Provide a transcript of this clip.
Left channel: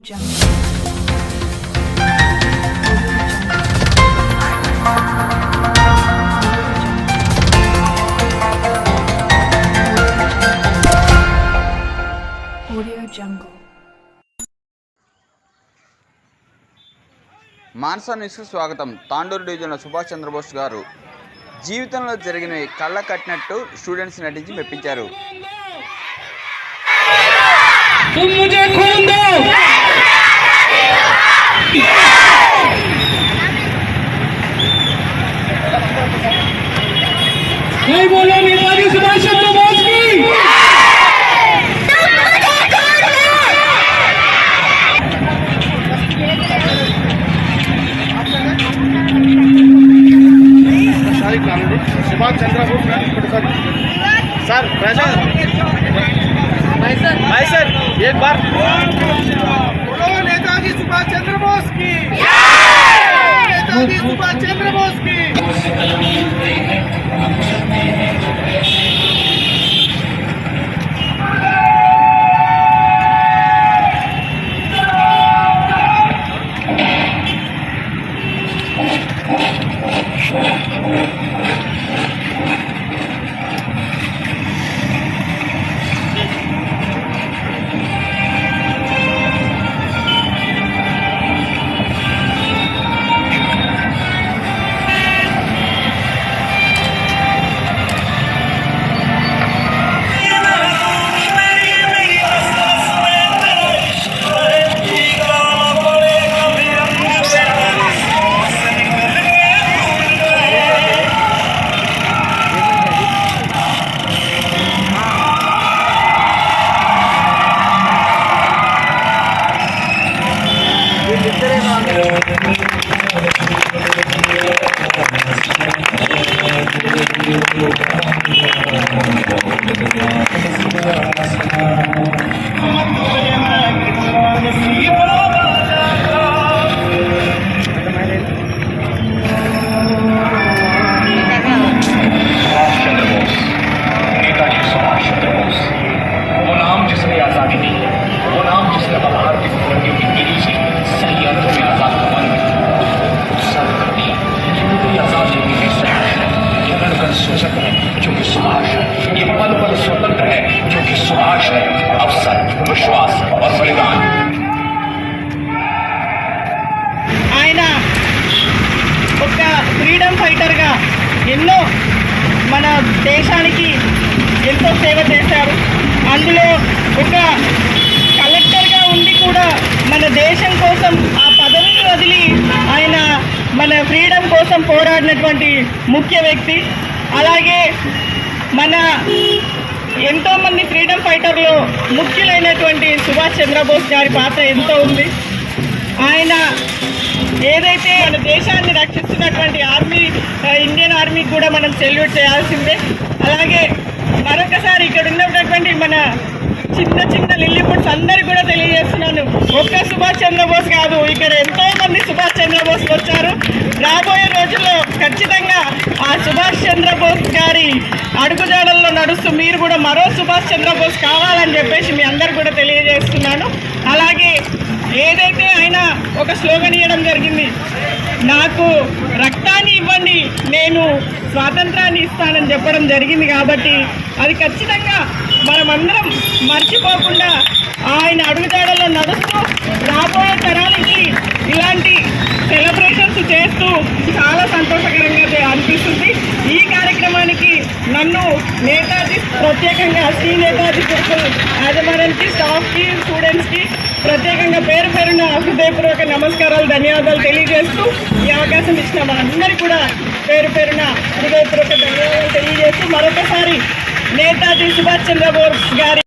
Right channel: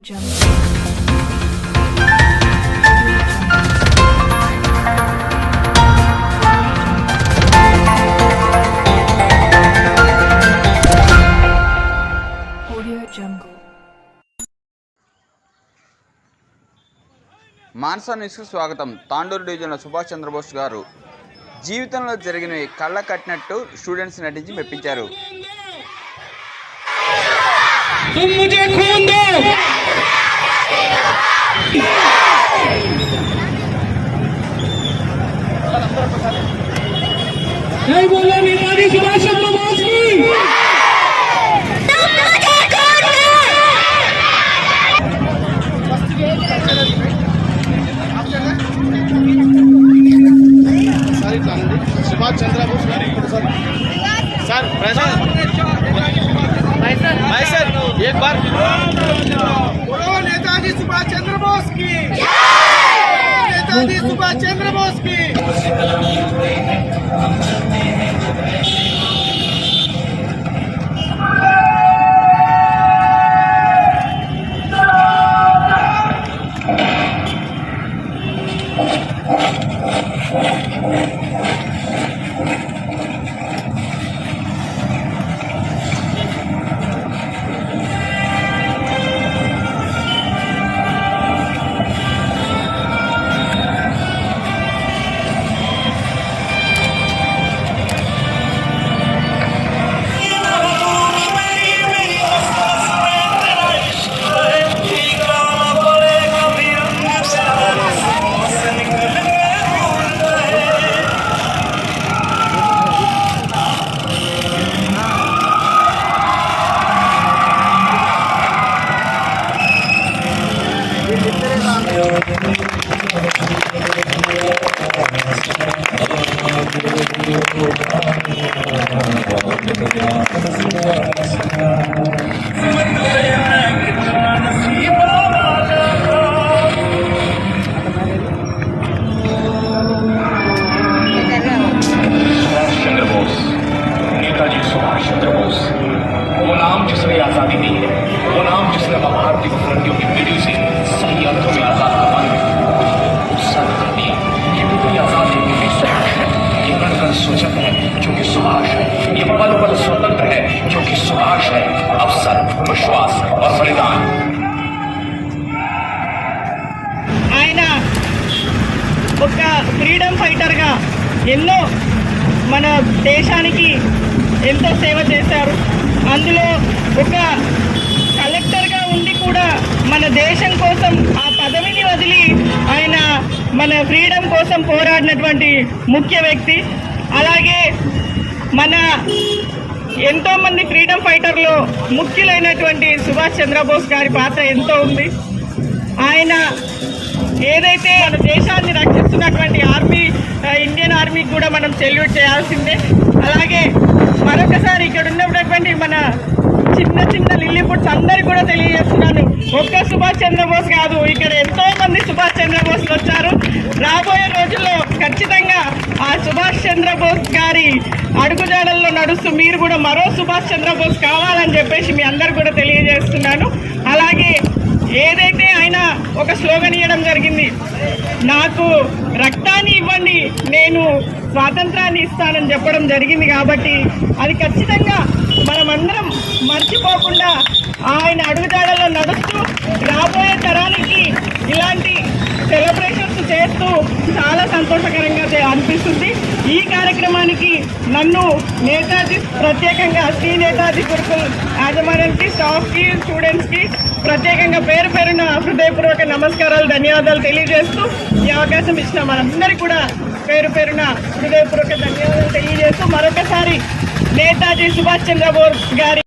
Jungle. Audio Jungle. Mansa న్యూస్కి స్వాగతం తాండూరు డివిజన్లో సుభాష్ చంద్రబోస్ గారు జీవితంలో జరిగినవి కళ్ళ కట్టినట్టు స్టూడెంట్స్ నటించి మెప్పించారు Yeah! ఒక ఫ్రీడమ్ ఫైటర్గా ఎన్నో మన దేశానికి ఎంతో సేవ చేశారు. అందులో ఒక కలెక్టర్గా ఉండి కూడా మన దేశం కోసం ఆ పదవిని వదిలి ఆయన మన ఫ్రీడమ్ కోసం పోరాడినటువంటి ముఖ్య వ్యక్తి. అలాగే మన ఎంతోమంది ఫ్రీడమ్ ఫైటర్లో ముఖ్యులైనటువంటి సుభాష్ చంద్రబోస్ గారి పాత్ర ఎంతో ఉంది. ఆయన ఏదైతే మన దేశాన్ని రక్షిస్తున్నటువంటి ఆర్మీ ఇండియన్ ఆర్మీకి కూడా మనం సెల్యూట్ చేయాల్సిందే. అలాగే మరొకసారి ఇక్కడ ఉన్నటువంటి మన చిన్న చిన్న లిల్లీపుట్స్ అందరికి కూడా తెలియజేస్తున్నాను. ఒక్క సుభాష్ చంద్రబోస్ కాదు ఇక్కడ ఎంతో మంది సుభాష్ చంద్రబోస్ వచ్చారు. రాబోయే రోజుల్లో ఖచ్చితంగా ఆ సుభాష్ చంద్రబోస్ గారి అడుగుజాడల్లో నడుస్తూ మీరు కూడా మరో సుభాష్ చంద్రబోస్ కావాలని చెప్పేసి మీ అందరు కూడా తెలియజేస్తున్నాను. అలాగే ఒక స్లోగన్ ఇవ్వడం జరిగింది. నాకు రక్తాన్ని ఇవ్వండి నేను స్వాతంత్రాన్ని ఇస్తానని చెప్పడం జరిగింది కాబట్టి అది ఖచ్చితంగా మనమందరం మర్చిపోకుండా ఆయన అడుగుజాడలో నడుస్తూ రాబోయే తరానికి ఇలాంటి సెలబ్రేషన్స్ చేస్తూ చాలా సంతోషకరంగా అనిపిస్తుంది. ఈ కార్యక్రమానికి నన్ను నేతాజీ ప్రత్యేకంగా శ్రీ నేతాజీ గురుకుల్ యాజమాన్యానికి స్టాఫ్కి స్టూడెంట్స్కి ప్రత్యేకంగా పేరు పేరున హృదయపూర్వక నమస్కారాలు ధన్యవాదాలు తెలియజేస్తూ ఈ అవకాశం ఇచ్చిన మనందరికీ కూడా పేరు పేరున హృదయపూర్వక ధన్యవాదాలు తెలియజేస్తూ మరొకసారి నేతాజీ సుభాష్ చంద్రబోస్ గారి